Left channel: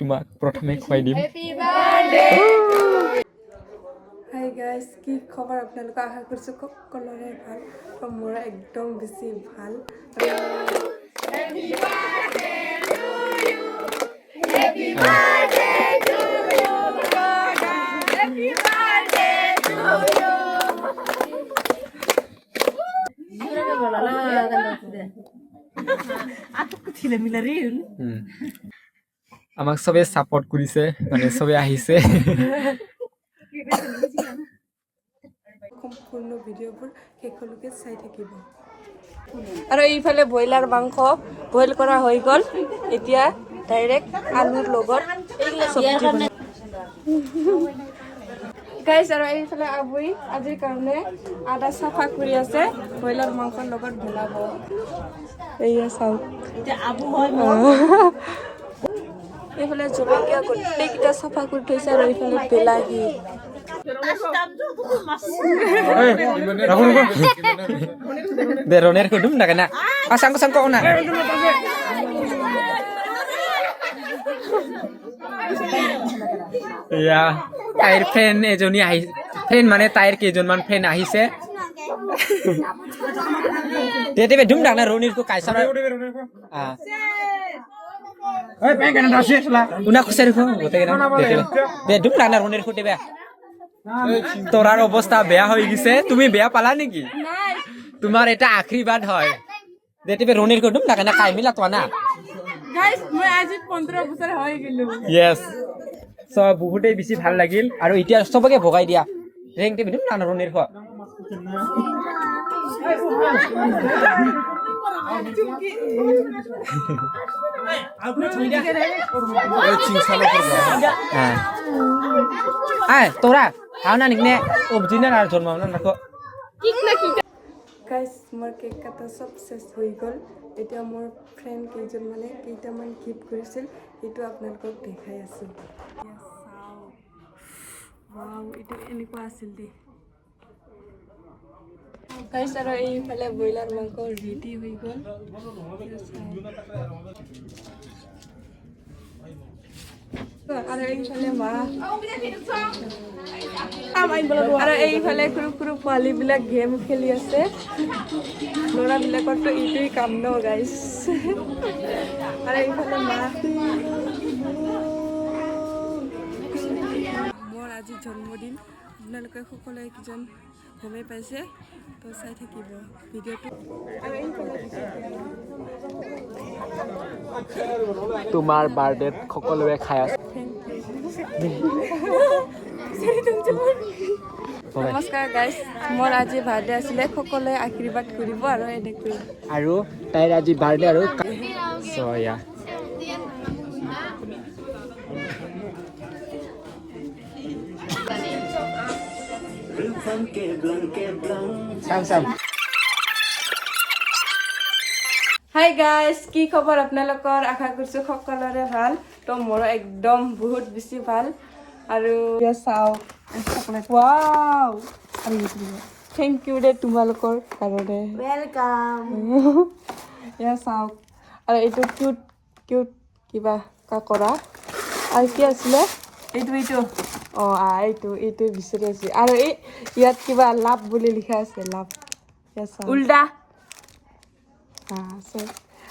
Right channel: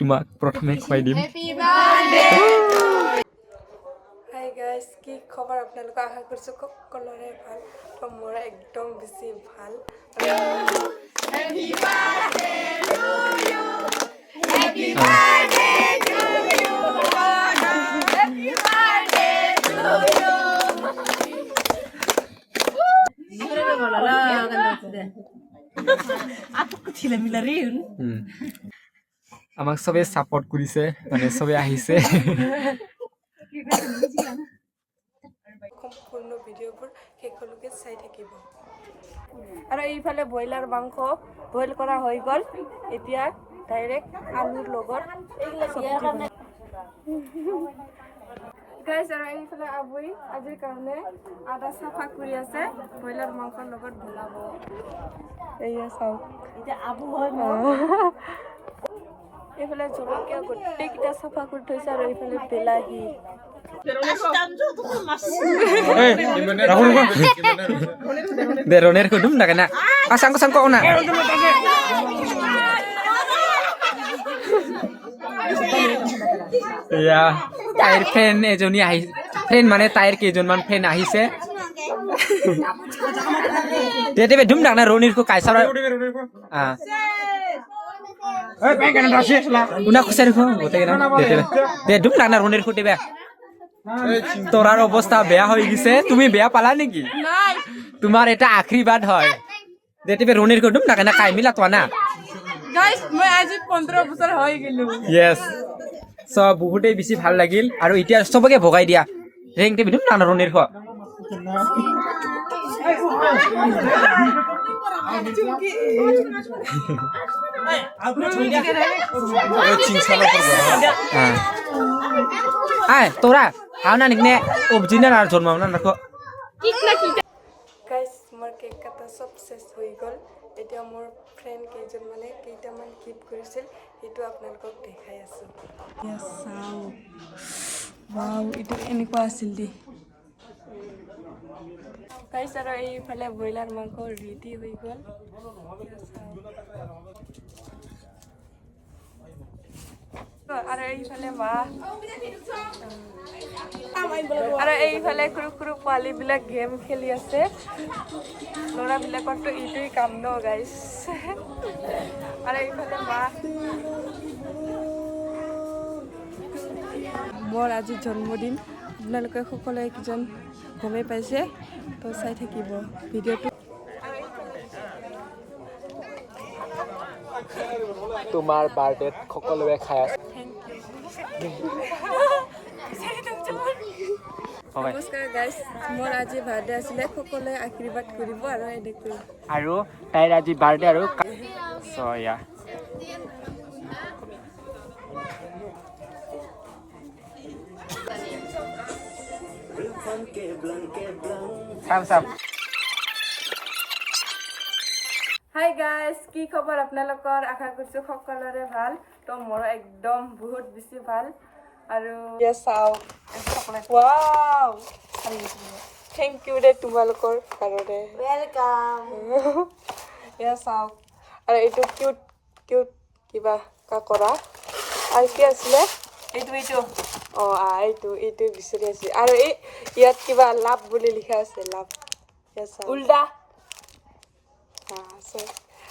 তোমাক প্ৰথমে খুৱাই দিম। হাই গাইজ, কি খবৰ আপোনালোকক? আশা কৰিছোঁ সকলোৰে ভাল। তো মোৰ একদম বেছি ভাল। আমাক চবে সাপোৰ্ট কৰিছে, মানে চবে আহিছে। সম্পূৰ্ণ ভিডিঅ'বোৰ শেষলৈকে চাই থাকিব। আৰু এইফালে ব্ৰইলাৰ মাংস বইল কৰা হৈ গ'ল। এতিয়া ডাইৰেক্ট আলুৰ লগত গাইজ, আৰু এইফালে আবুই আজিৰ কাৰণে আদা চাফা কৰি আছে, ব্ৰইলাৰ মাংসৰ লগত বনাব। এইয়া চাওক, এইফালে জলকীয়া গোটেইকেইটা চাফা কৰি থৈছে, আৰু এইফালে বিলাহী। Deroner kudum na kana. Asang ko na. Ya, tair fan ejoni ahi. Fan মানে tair কেজনমান fan আহিছে। তেতে বেদুম না না রনির কো কাইসা। ওই ব্যাংক না আসিলা। উনা খুশারি কো হতে না। বেদুম না না রনির কো দেবে। তোরার অবস্থা বেয়া হয়ে গেছে, তুমি বেয়া পালা নাকি? তোমার এটা আশীর্বাদ হয় যেতে রনির কদম না কেন কাই মিলা তো না গাইস, মই আজি 15 বছর হৈ গেলো। ইয়েস, সব বহুতে বেশি ভাল লাগিল। আৰু এতিয়া সবকে ভগাই দিয়া ৰেংতে বিদুম না ৰনিৰ খ তোৰা হাও না নিকনে অবজিনা আৰ জন্মাও না নাকো গাইস, মোৰ কেক কাটা সব শেষ হৈ গ'ল। এতিয়া মোৰ ফ্ৰেণ্ড কেইজনমানে কেইটামান গিফ্ট কৰিছিল, সেইটো আপোনালোকক দেখাই আছোঁ। চাও, ৱাও, এইটো এনেকুৱা আছিল দেই গাইস। আৰু এইফালে ব্ৰইলাৰ মাংস ৰেডি হৈ গ'ল। আৰু এইফালে মাছ, আৰু এইফালে সৰু সৰু পোৱালীবিলাক গেম খেলি আছে। ল'ৰাবিলাকৰতো এইটোৱেই কাম ন গাইছ। আৰু এইফালে মাছ। মোৰ আজি জন্মদিন, আপোনালোকে সকলোৱে কিজন গমেই পাইছে, তো চাই থাকিব ভিডিঅ'টো। আৰু এইফালে তোমাৰ বাৰ্থডেত সকলোৱে খাই আছে। নমস্কাৰ গাইজ, মোৰ আজি বাৰ্থডে আছিলে, সকলোৱে আশীৰ্বাদ কৰিব আৰু এনেকৈ। আৰু তাইৰ আজি বাৰ্থডে আৰু সয়া চাম হাই গাইজ, কি খবৰ আপোনালোকৰ? আশা কৰিছোঁ সকলোৰে ভাল। তো মোৰো একদম বহুত বেছি ভাল। আৰু চাওক, ৱাও, থেংক ইউ দে তোমালোকৰ কাৰণে। ৱেলকাম। এয়া চাওক, আৰু এইটো কিউট কিউট কিবা কাকৰা। আৰু কি আছিলে এইটো এইটো বিচাৰি আছে। আৰু এই ইয়াত কিবা লাভ বুলি লিখা আছে, লাভ উল্টা।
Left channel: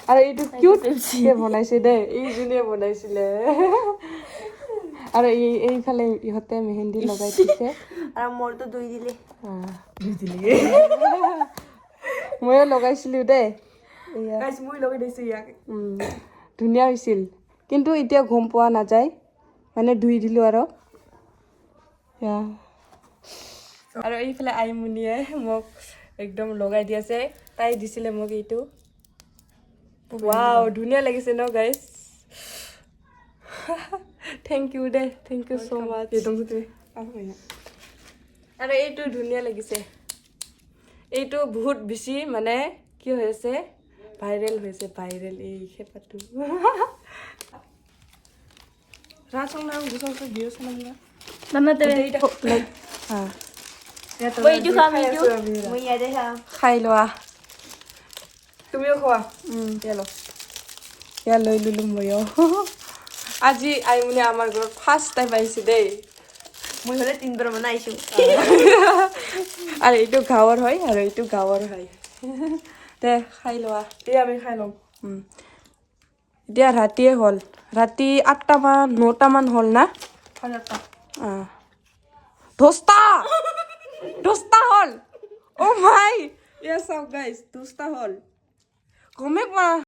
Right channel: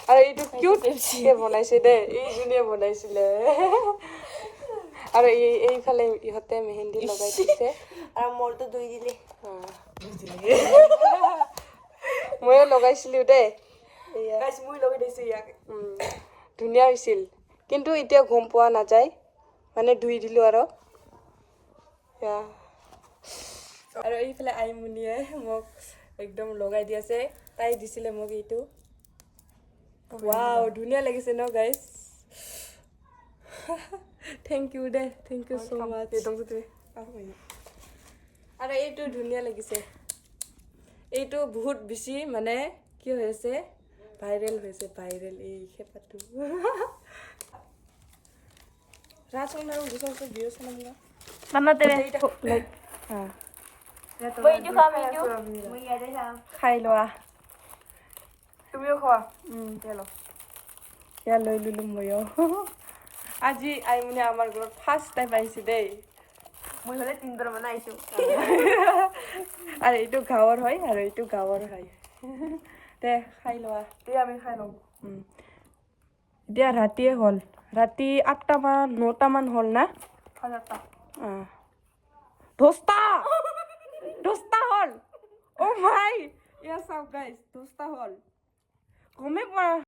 আৰু এইটো কিউট বনাইছে দেই, এইজনীয়ে বনাইছিলে। আৰু এইফালে ইহঁতে মেহেন্দি লগাই দিছে। আৰু মোৰতো দুই দিলে ময়ো লগাইছিলোঁ দেই, মই লগাই দিছোঁ ইয়াক। ধুনীয়া হৈছিল, কিন্তু এতিয়া গম পোৱা নাযায়, মানে ধুই দিলোঁ আৰু। আৰু এইফালে আইমণিয়ে মোক একদম লগাই দি আছে, তাই দিছিলে মোক এইটো। ৱাও, ধুনীয়া লাগিছে ন গাইজ? থেংক ইউ দে, থেংক ইউ ছ' মাছ। আৰু এইটো ধুনীয়া লাগিছে, এইটো বহুত বেছি মানে কি হৈ আছে, ভাইৰেল হৈছে, ভাইৰেল এই খেপাটো। খাই লোৱা, তুমিও খোৱা। ইয়াত লৈ ললো ময়ো। আজি আইমুনি আমাৰ ঘৰত ফাৰ্ষ্ট টাইম আহিছে দেই মই হলে 3 বাৰ মান আইছো আৰু এইটো গাঁৱৰ হয় আৰু এইটো গাঁৱৰ হয় দে খাই লোৱা এই আমি খাই লম এতিয়া ৰাতিয়ে হ'ল ৰাতি 8টামান 9টামান হ'ল না খাজাটা দহটা হ'ল অ' মাই ইয়া চাওক গাইজ 10টা হ'ল গমে পোৱা